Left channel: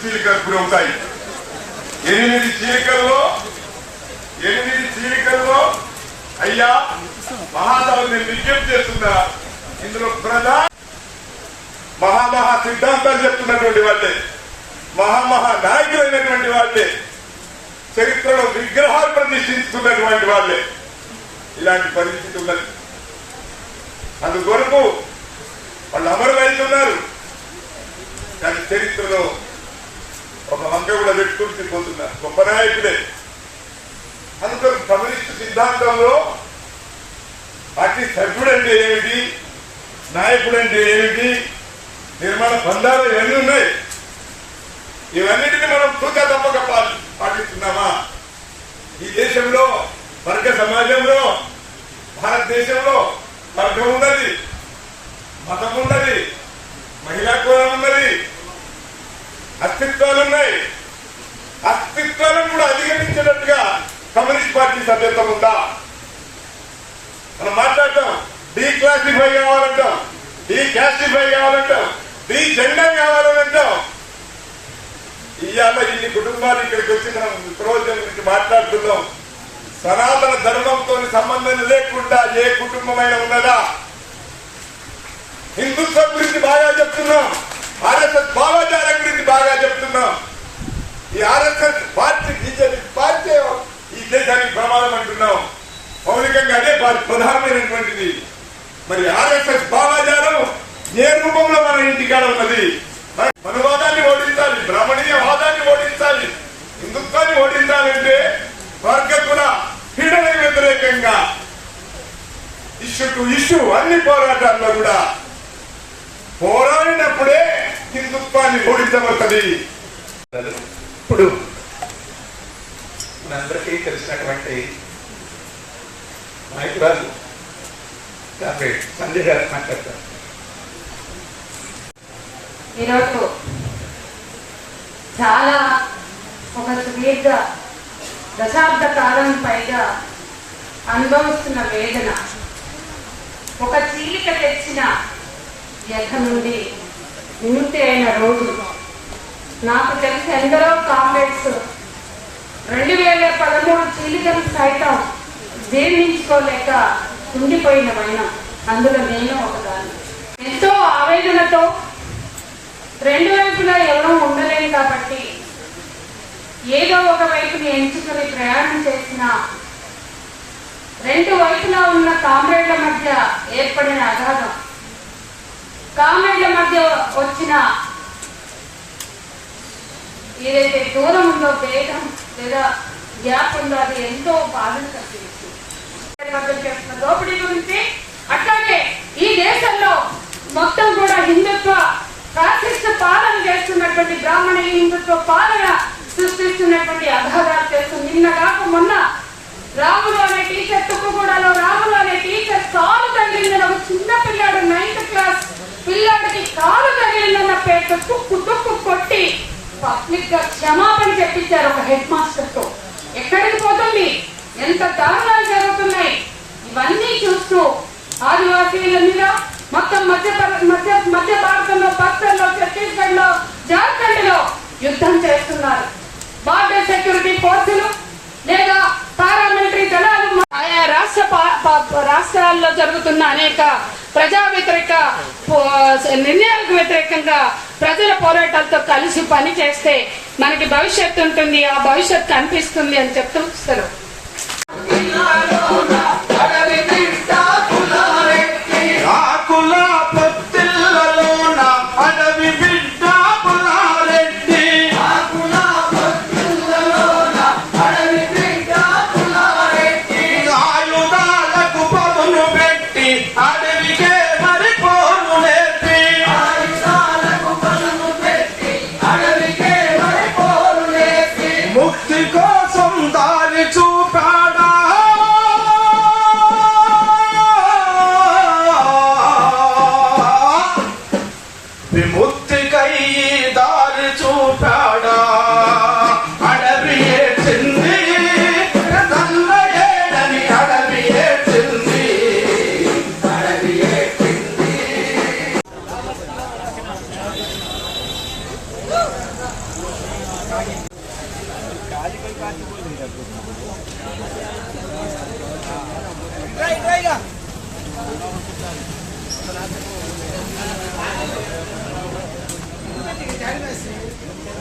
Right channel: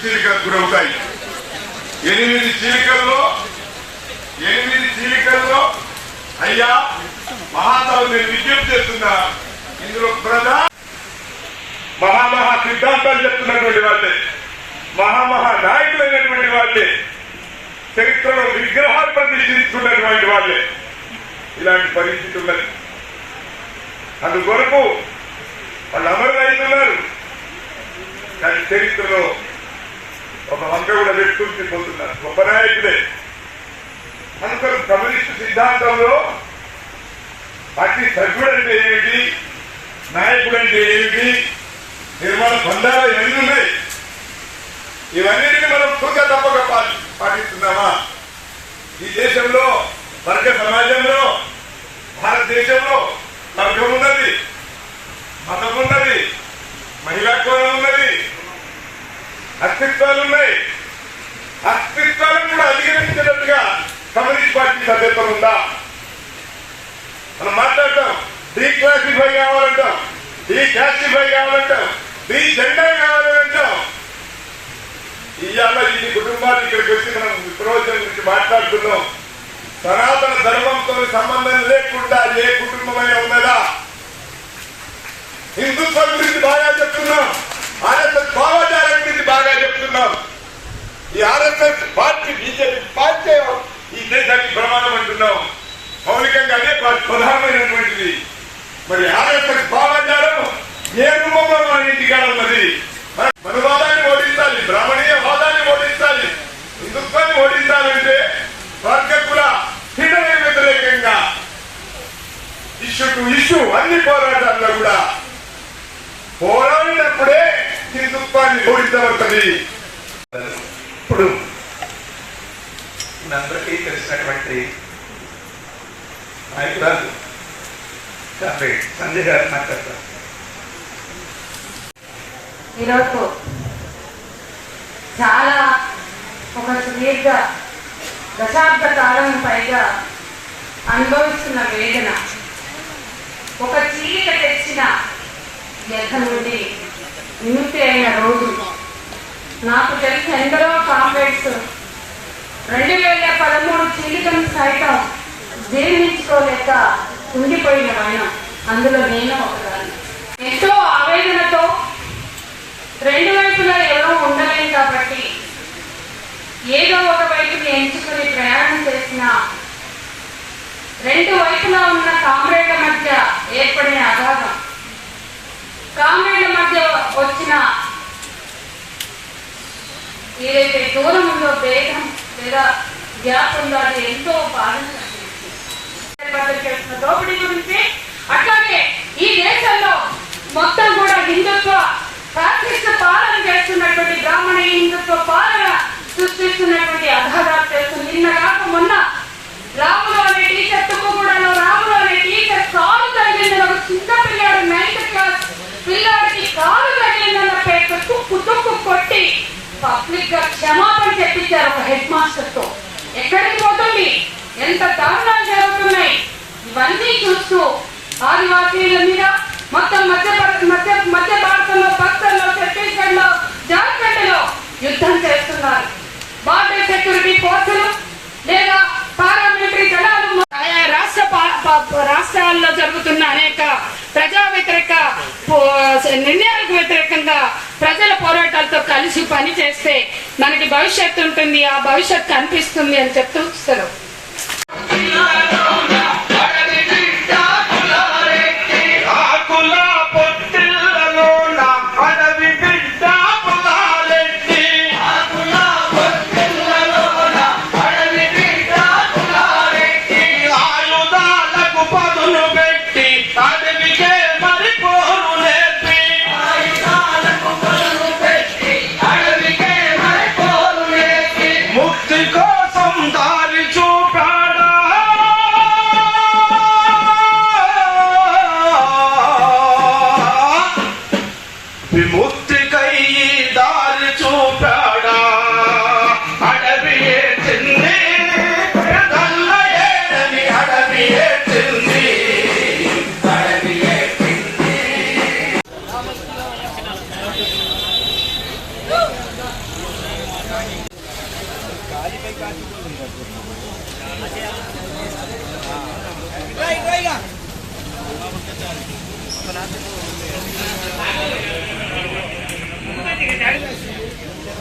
చీలికలకు గురవుతాయి. 8 చీలికల్లో అయ్యా మహాసభ నేను విజ్ఞప్తి చేస్తున్నా. ఇందులో ప్రధాన మహామహా సిద్ధాంతాలు చెప్తున్నటువంటి వాళ్ళే, మహామహా నాయకులైనటువంటి వాళ్ళే, చరిత్రలో విగ్రహాలు ప్రతిష్ఠిస్తున్నటువంటి వాళ్ళే ఇలాంటి పరిస్థితి ఉన్నది. అందుకొరకు వాళ్ళు అమరులైతున్నారు. కానీ చరిత్రలో ఒక వంక కూడా పెట్టుకుంటూ పోతున్నారు. గొప్ప నాయకులే. అందుకని కమ్యూనిస్టు సిద్ధాంతంలో పార్టీ సభ్యుడు అంటే ఏమిటి, నాయకుడు అంటే ఏమిటి, నిర్మాణ బంధాలు ఇవన్నీ ఉన్నాయి. ఇవన్నిటిని మనం తూకా తప్పక పాటిస్తున్నామా? ఈ దేశంలో వర్గ సమాజంలో భారతదేశంలో వర్గం ఉన్నది, మతం ఉన్నది, మహిళా కోణం ఉన్నది, అస్తిత్వాలు ఉన్నాయి. అస్తిత్వాలను కూడా అధిగమించినట్టుగా కమ్యూనిస్ట్ పార్టీ సభ్యత్వం ఉందా? మనం మాట్లాడతాం. డీక్లాసిఫై కావాలంటాం, డీకాస్టిఫై కావాలంటాం, డీ జెండర్ కావాలని అంటాం. ఇవాళ ఇన్ని కుటుంబాలు ఇక్కడికి వచ్చి మనం ప్రయోజనం గురించి మాట్లాడుతున్నాం. సనాతన ధర్మంతో సంబంధం లేకుండా ఏ కుటుంబమైనా ఉన్నదా? హిందుత్వం గురించి బాగా చెప్తున్నాం, ఆర్ఎస్ఎస్ భావజాలం గురించి బాగా చెప్తున్నాం. ఈ ఆర్ఎస్ఎస్ పార్టీ బీజేపీ పార్టీ ఈ దేశానికి ప్రమాదం అంటున్నాం. మౌలికంగా అదే ప్రధానమైనటువంటిది. మరి ఆర్ఎస్ఎస్ భావజాలం ఏ రూపంలో మన ఇంటికాడ ఉన్నది? మనువాదాన్ని ఓడించాలి, బ్రాహ్మణీయ వాదాన్ని ఓడించాలి, హిందుత్వాన్ని ఓడించాలంటే వర్గ కుల పీడనకు వ్యతిరేకంగా ఇష్యూ టు ఇష్యూ అన్ని పోరాటాల్లో కూడా పోరాడినప్పుడే హిందుత్వాన్ని ఓడించబడుతుంది. ఇప్పుడు మనందరికీ తెలిసినటువంటి నాయకురాలు సంజయ్ గారు మాట్లాడతారు. ఈరోజు చాలా ఒక సుదీర్ఘ దశాబ్ద కాలం పైగా అనుభవిస్తున్న వేదన, ఒక చీలిక తెచ్చిన వ్యధ నుండి విముక్తి అయిన రోజు నాకు తెలిసి ఎందరో కామ్రేడ్స్ 2013 చీలికను సైతం జీర్ణించుకోలేక ఉండిపోయిన వైనం, అందులో నేను ఒకదాన్ని. ఎంతో ఆవేదనతో రెండు వైపులా ఎవరూ ఉండలేం కాబట్టి ఏదో ఒక వైపుని ఎంచుకుని ప్రయాణం చేసిన రెండు వైపులా ఉన్న కామ్రేడ్ల మధ్య ఏర్పడిన అగాధం, కామ్రేడ్ల మధ్య వచ్చిన ఏదైతే దూరం ఉందో, భేదం లేదా గ్యాప్ ఉందో అది ఎంతో బాధను చేస్తున్న దోపిడీ గురించి, అట్లాగే ఈ దేశంలో మొత్తం కూడా హిందుత్వ ఫ్యాసిస్ట్ పాలన చేస్తున్నటువంటి బ్రాహ్మణ హిందుత్వ పాలన సృష్టిస్తున్నటువంటి అధారాలు చేస్తుంది. నిన్న కాక మొన్న రాములు అనే టీచర్ తుక్కుగూడలో రాములు అనే టీచర్ కాలు తగిలిందని ఒక చిన్న పిల్లాడు 9th క్లాస్ పిల్లాడికి కాలు తగిలిందన్న పేరుతో తుక్కు కొట్టి పబ్లిక్ గా క్షమాపణ చెప్పించారు ఒక హెడ్ మాస్టర్ తో. ఎక్కడికి పోతుంది? ఎంత దారుణాలు జరుగుతున్నాయి. ఇవన్నీ చూస్తూ ఆదివాసీల మీద మొత్తం మధ్య భారతంలో, బస్తర్లో, ఛత్తీస్గఢ్ లో, జార్ఖండ్ లో యుద్ధం చేస్తున్నారు. బార్డర్ సెక్యూరిటీ ఫోర్సులు లేదా పారామిలిటరీ దళాలు ఆయా రాష్ట్రాల్లో జరుగుతున్న అనేక ప్రజా వ్యతిరేక నిర్ణయాలకు వ్యతిరేకంగా ప్రజల పోరాటాలతో కలిసి పని చేస్తే మనకి భవిష్యత్తు ఉంటుంది, ఆ భవిష్యత్తు కనిపిస్తుంది అని చెప్తూ వస్తారు. ముక్తి కోసం దారి చూపాడా Gracias.